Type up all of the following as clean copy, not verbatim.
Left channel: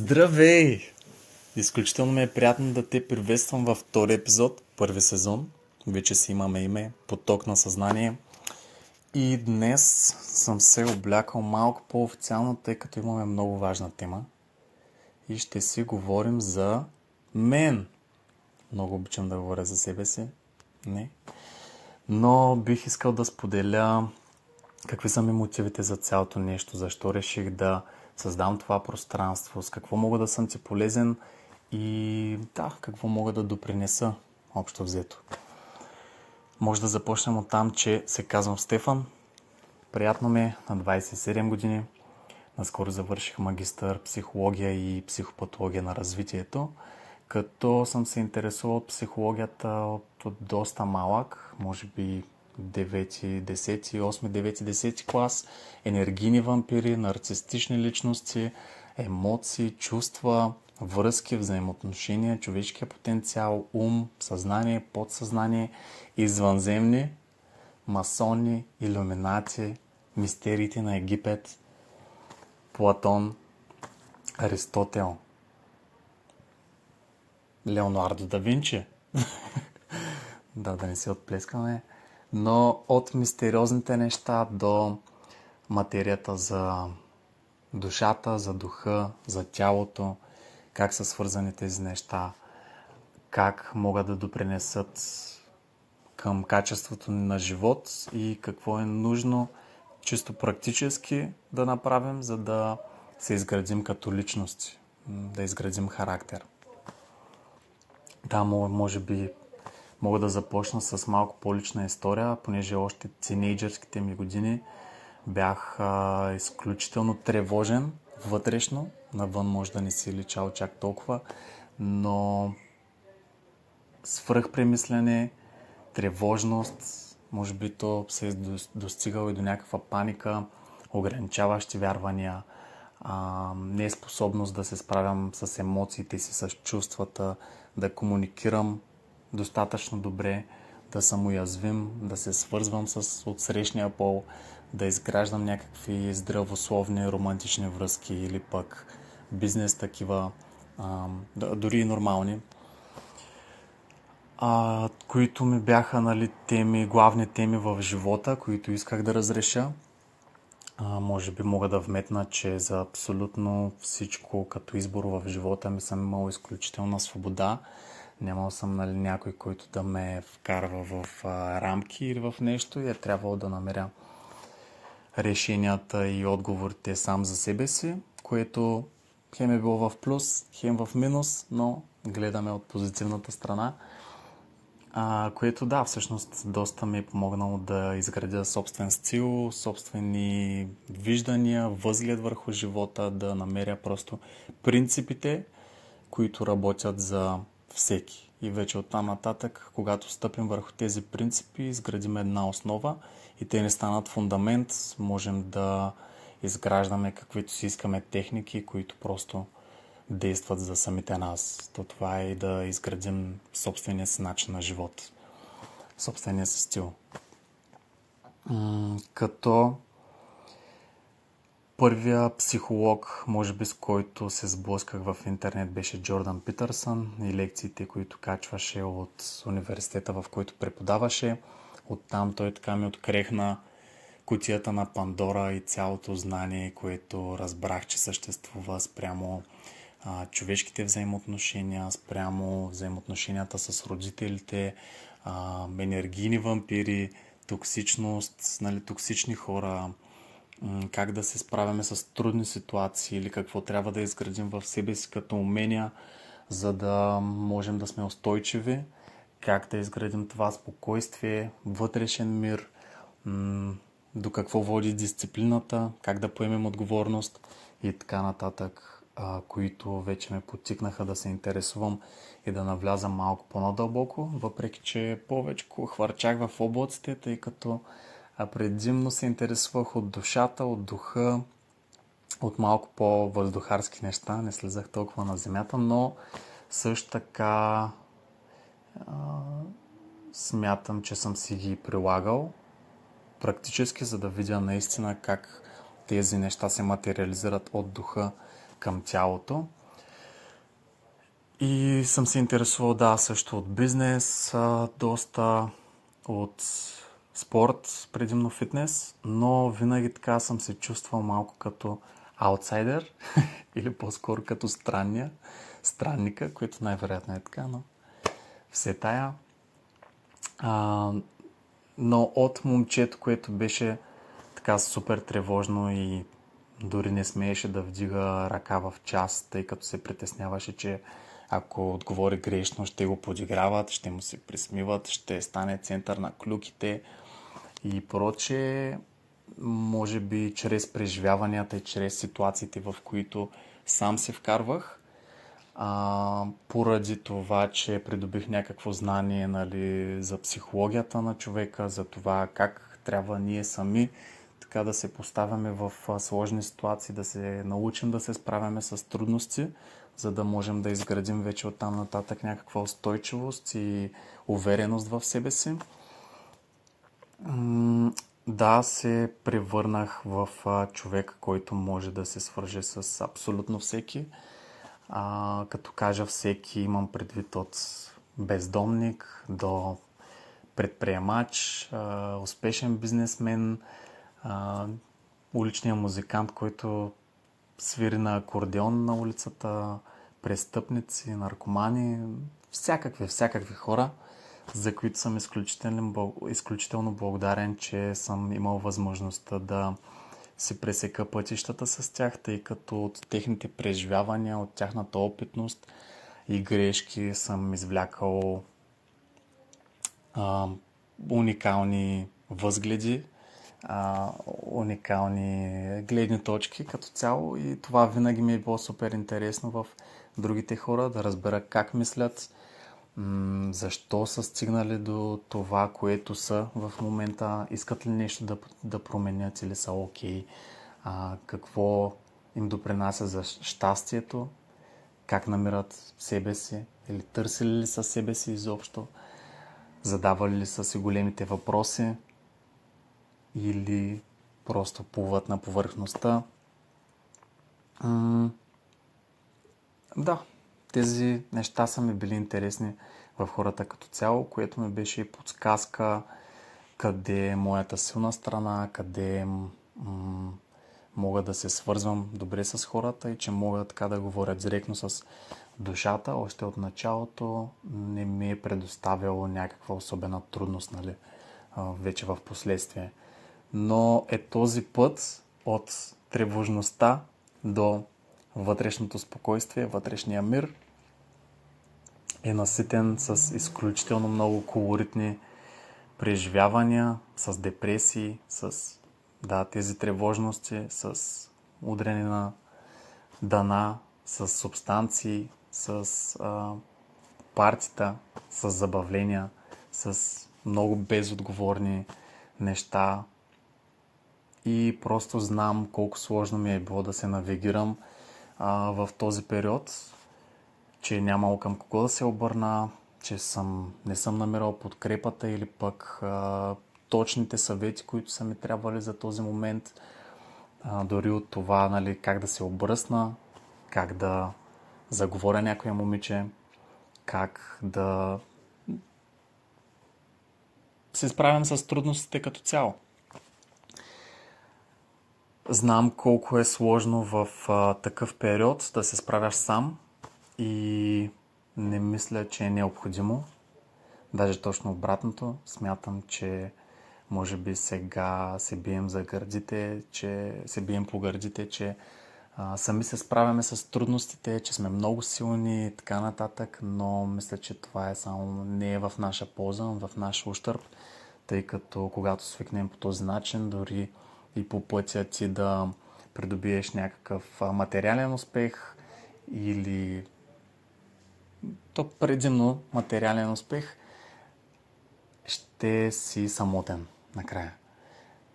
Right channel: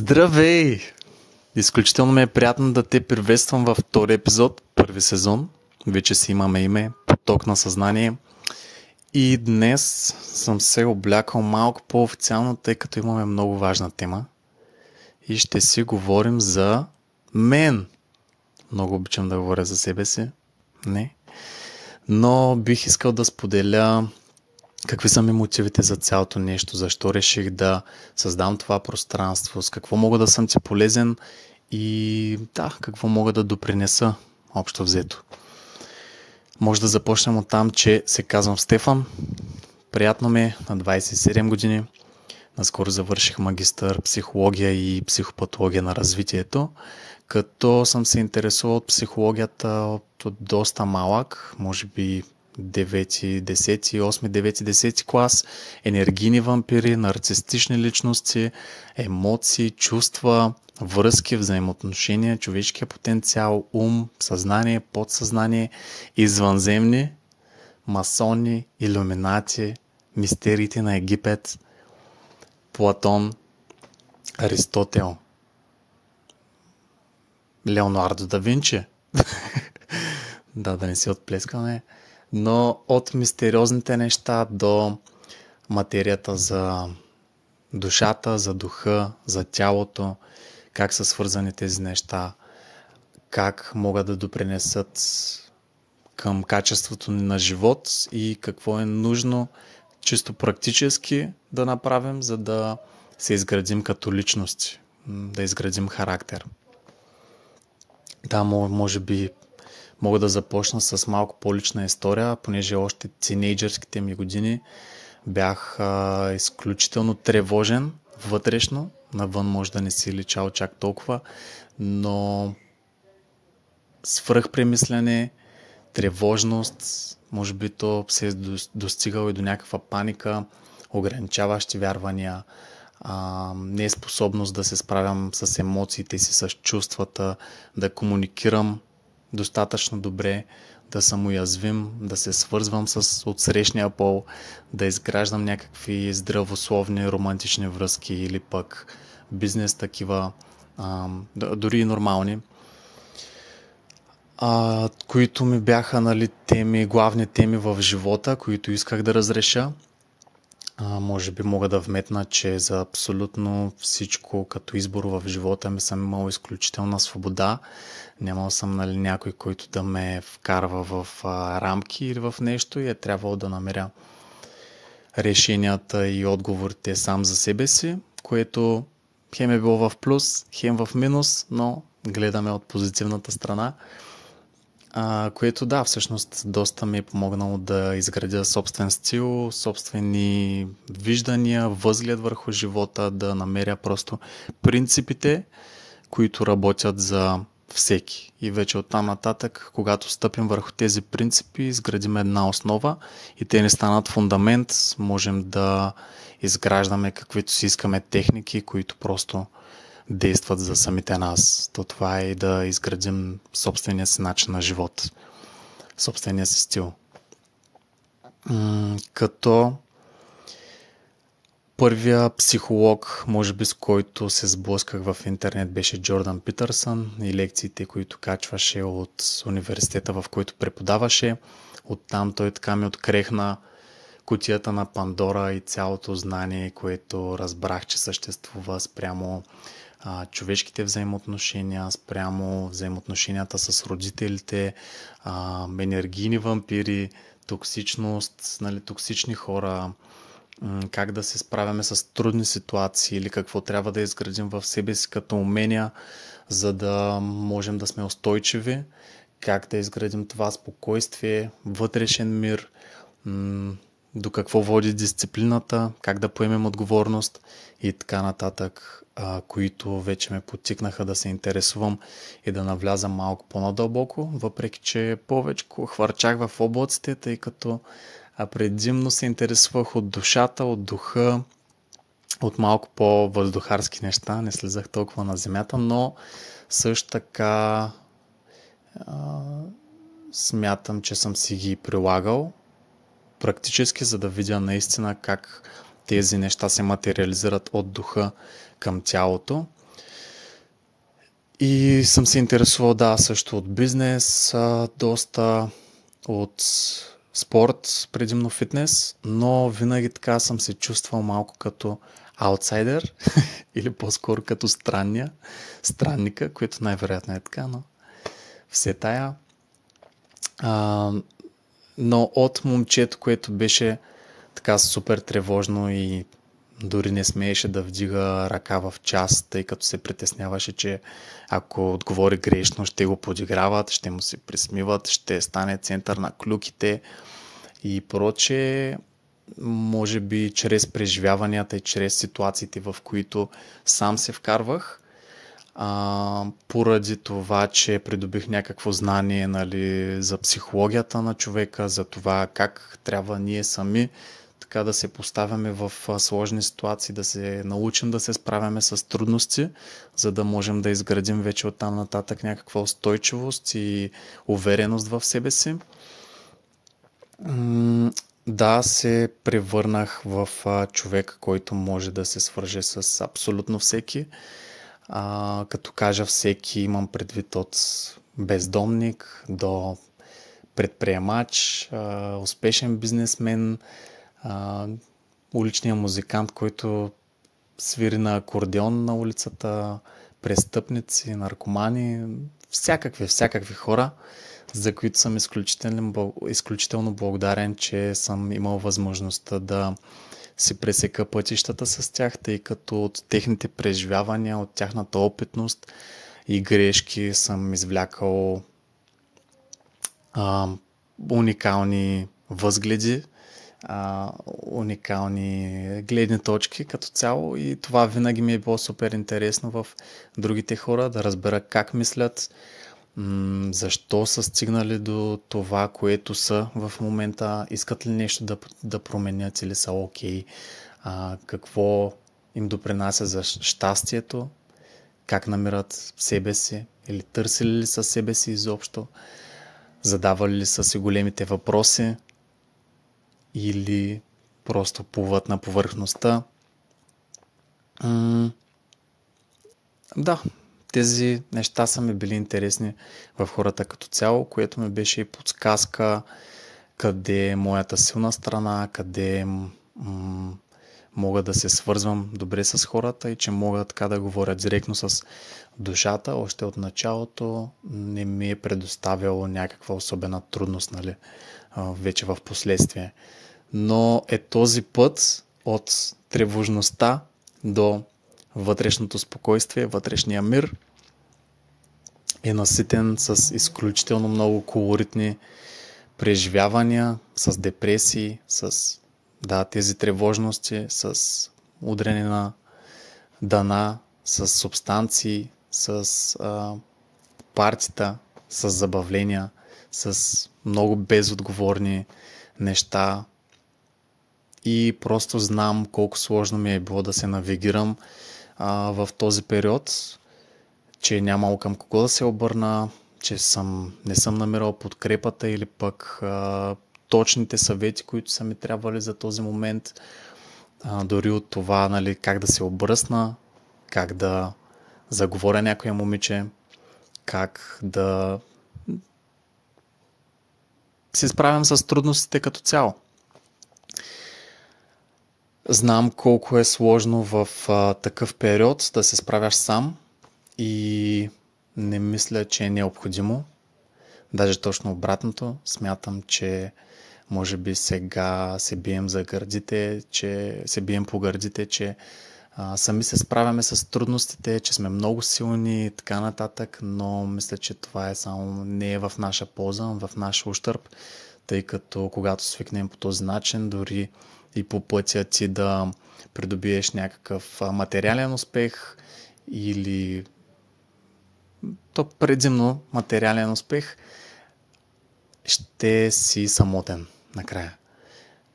Здравей! Изключително ми е приятно да те приветствам във втори епизод, първи сезон. Вече си имаме име, поток на съзнание. И днес съм се облякал малко по-официално, тъй като имаме много важна тема. И ще си говорим за мен. Много обичам да говоря за себе си. Не. Но бих искал да споделя какви са ми мотивите за цялото нещо, защо реших да създам това пространство, с какво мога да съм ти полезен и какво мога да допринеса общо взето. Може да започнем от там, че се казвам Стефан. Приятно ми е, на 27 години. Наскоро завърших магистър психология и психопатология на развитието, като съм се интересувал от психологията от доста малък, може би 9, 10, 8, 9, 10 клас, енергийни вампири, нарцистични личности, емоции, чувства, връзки, взаимоотношения, човешкия потенциал, ум, съзнание, подсъзнание, извънземни, масони, илюминати, мистериите на Египет, Платон, Аристотел, Леонардо да Винчи. Да не си отплескаме. Но от мистериозните неща до материята за душата, за духа, за тялото, как са свързани тези неща, как могат да допринесат към качеството ни на живот и какво е нужно чисто практически да направим, за да се изградим като личности, да изградим характер. Да, може би мога да започна с малко по-лична история, понеже още тинейджърските ми години бях изключително тревожен вътрешно. Навън може да не си личал чак толкова, но свръхпремислене, тревожност, може би то се е достигало и до някаква паника, ограничаващи вярвания, неспособност да се справям с емоциите си, с чувствата, да комуникирам достатъчно добре, да съм уязвим, да се свързвам с отсрещния пол, да изграждам някакви здравословни романтични връзки или пък бизнес такива, дори и нормални, които ми бяха главни теми в живота, които исках да разреша. Може би мога да вметна, че за абсолютно всичко като избор в живота ми съм имал изключителна свобода. Нямал съм някой, който да ме вкарва в рамки или в нещо и е трябвало да намеря решенията и отговорите сам за себе си, което хем е било в плюс, хем в минус, но гледаме от позитивната страна. Което всъщност доста ми е помогнало да изградя собствен стил, собствени виждания, възглед върху живота, да намеря просто принципите, които работят за всеки. И вече оттам нататък, когато стъпим върху тези принципи, изградим една основа и те не станат фундамент, можем да изграждаме каквито си искаме техники, които просто действат за самите нас. То това е и да изградим собствения си начин на живот, собствения си стил. Като първия психолог, може би с който се сблъсках в интернет, беше Джордан Питърсън и лекциите, които качваше от университета, в който преподаваше. Оттам той така ми открехна кутията на Пандора и цялото знание, което разбрах, че съществува спрямо човешките взаимоотношения, спрямо взаимоотношенията с родителите, енергийни вампири, токсичност, токсични хора, как да се справяме с трудни ситуации или какво трябва да изградим в себе си като умения, за да можем да сме устойчиви, как да изградим това спокойствие, вътрешен мир, до какво води дисциплината, как да поемем отговорност и така нататък, които вече ме подтикнаха да се интересувам и да навлязам малко по-надълбоко, въпреки че повече хвърчах в облаците, тъй като предимно се интересувах от душата, от духа, от малко по-въздухарски неща, не слизах толкова на земята, но също така смятам, че съм си ги прилагал практически, за да видя наистина как тези неща се материализират от духа към тялото. И съм се интересувал, също от бизнес, доста от спорт, предимно фитнес, но винаги така съм се чувствал малко като аутсайдер или по-скоро като странника, което най-вероятно е така, но все тая. Но от момчето, което беше така супер тревожно и дори не смееше да вдига ръка в час, тъй като се притесняваше, че ако отговори грешно, ще го подиграват, ще му се присмиват, ще стане център на клюките и прочее. Може би чрез преживяванията и чрез ситуациите, в които сам се вкарвах, поради това, че придобих някакво знание, нали, за психологията на човека, за това как трябва ние сами така да се поставяме в сложни ситуации, да се научим да се справяме с трудности, за да можем да изградим вече оттам нататък някаква устойчивост и увереност в себе си. Да, се превърнах в човек, който може да се свърже с абсолютно всеки. Като кажа всеки, имам предвид от бездомник до предприемач, успешен бизнесмен, уличния музикант, който свири на акордеон на улицата, престъпници, наркомани, всякакви хора, за които съм изключително благодарен, че съм имал възможността да си пресека пътищата с тях, тъй като от техните преживявания, от тяхната опитност и грешки съм извлякал уникални възгледи, уникални гледни точки като цяло, и това винаги ми е било супер интересно в другите хора, да разбера как мислят, защо са стигнали до това, което са в момента, искат ли нещо да променят или са окей, какво им допринася за щастието, как намират себе си или търсили ли са себе си изобщо, задавали ли са си големите въпроси или просто плуват на повърхността. Да, тези неща са ми били интересни в хората като цяло, което ми беше и подсказка къде е моята силна страна, къде мога да се свързвам добре с хората и че мога така да говоря директно с душата. Още от началото не ми е предоставяло някаква особена трудност, нали, вече в последствие. Но е този път от тревожността до вътрешното спокойствие, вътрешния мир е наситен с изключително много колоритни преживявания, с депресии, с тези тревожности, с удряне на дъна, с субстанции, с партита, с забавления, с много безотговорни неща. И просто знам колко сложно ми е било да се навигирам в този период, че нямало към кого да се обърна, че не съм намирал подкрепата или пък точните съвети, които са ми трябвали за този момент. Дори от това, нали, как да се обръсна, как да заговоря някоя момиче, как да се справям с трудностите като цяло. Знам колко е сложно в такъв период да се справяш сам и не мисля, че е необходимо. Даже точно обратното. Смятам, че може би сега се бием за гърдите, че се бием по гърдите, че сами се справяме с трудностите, че сме много силни и така нататък, но мисля, че това не е в наша полза, в наш ущърб, тъй като когато свикнем по този начин, дори и по пътя ти да придобиеш някакъв материален успех или предимно материален успех, ще си самотен накрая.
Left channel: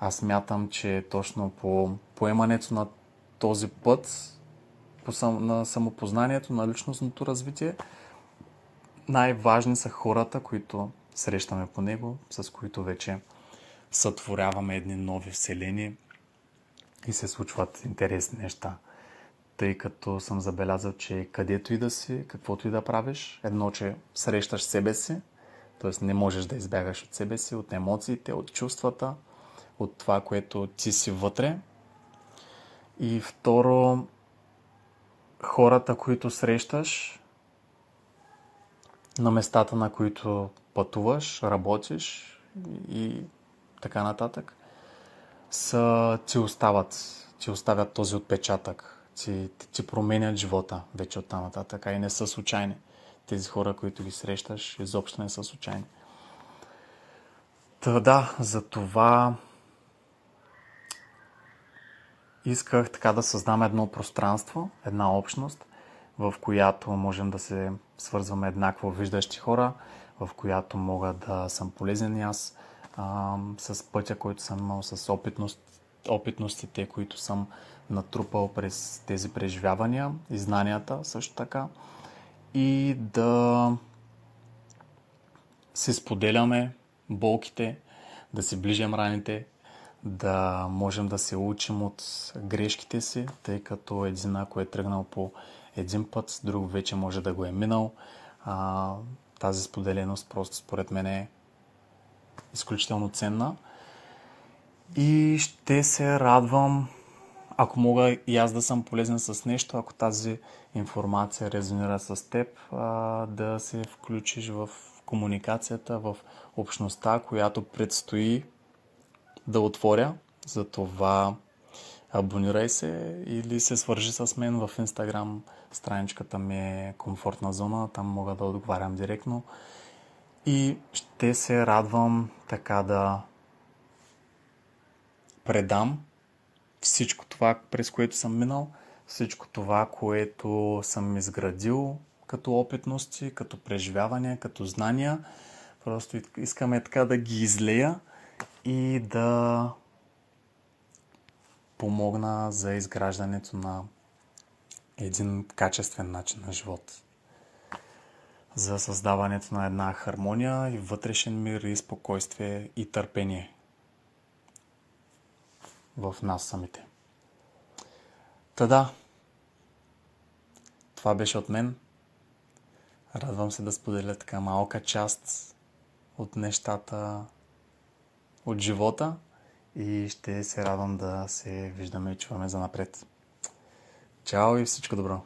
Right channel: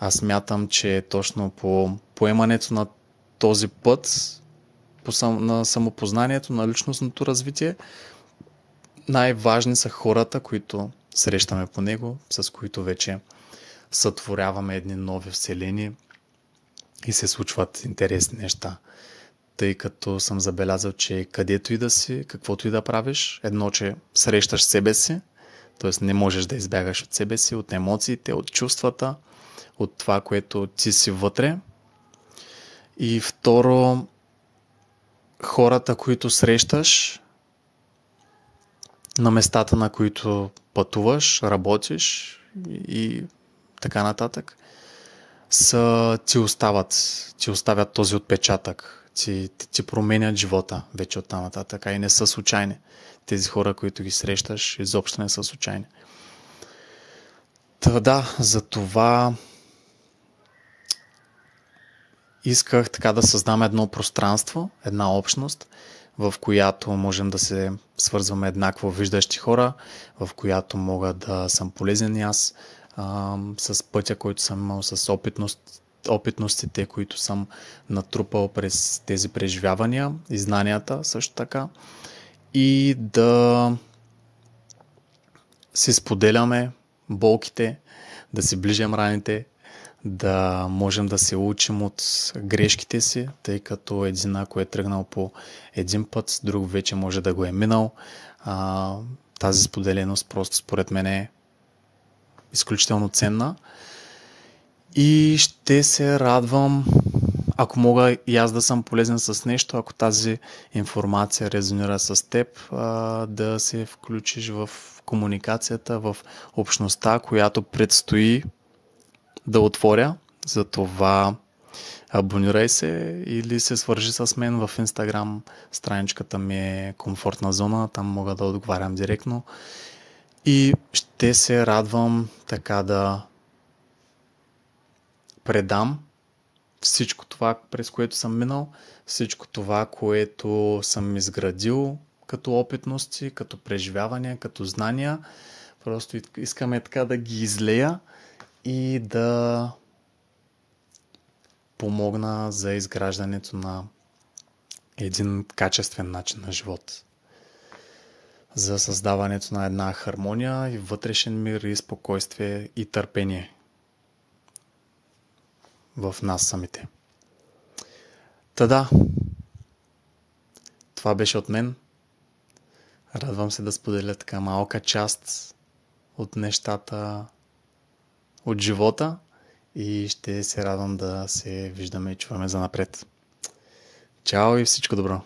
Аз смятам, че точно по поемането на този път на самопознанието, на личностното развитие, най-важни са хората, които срещаме по него, с които вече сътворяваме едни нови вселени и се случват интересни неща. тъй като съм забелязал, че където и да си, каквото и да правиш, едно, че срещаш себе си, т.е. не можеш да избягаш от себе си, от емоциите, от чувствата, от това, което ти си вътре. И второ, хората, които срещаш, на местата, на които пътуваш, работиш и така нататък, ти оставят този отпечатък, ти променят живота вече оттам нататък, а и не са случайни. Тези хора, които ги срещаш, изобщо не са случайни. Та да, за това исках така да създам едно пространство, една общност, в която можем да се свързваме еднакво виждащи хора, в която мога да съм полезен и аз с пътя, който съм имал, с опитностите, които съм натрупал през тези преживявания и знанията също така, и да си споделяме болките, да си ближим раните, да можем да се учим от грешките си, тъй като един, ако е тръгнал по един път, друг вече може да го е минал. Тази споделеност просто според мен е изключително ценна. И ще се радвам, ако мога и аз да съм полезен с нещо, ако тази информация резонира с теб, да се включиш в комуникацията, в общността, която предстои да отворя. Затова абонирай се или се свържи с мен в Instagram. Страничката ми е комфортна зона, там мога да отговарям директно. И ще се радвам така да предам всичко това, през което съм минал, всичко това, което съм изградил като опитности, като преживявания, като знания. Просто искаме така да ги излея и да помогна за изграждането на един качествен начин на живот. За създаването на една хармония и вътрешен мир и спокойствие и търпение в нас самите. Та да, това беше от мен. Радвам се да споделя така малка част от нещата от живота и ще се радвам да се виждаме и чуваме занапред. Чао и всичко добро!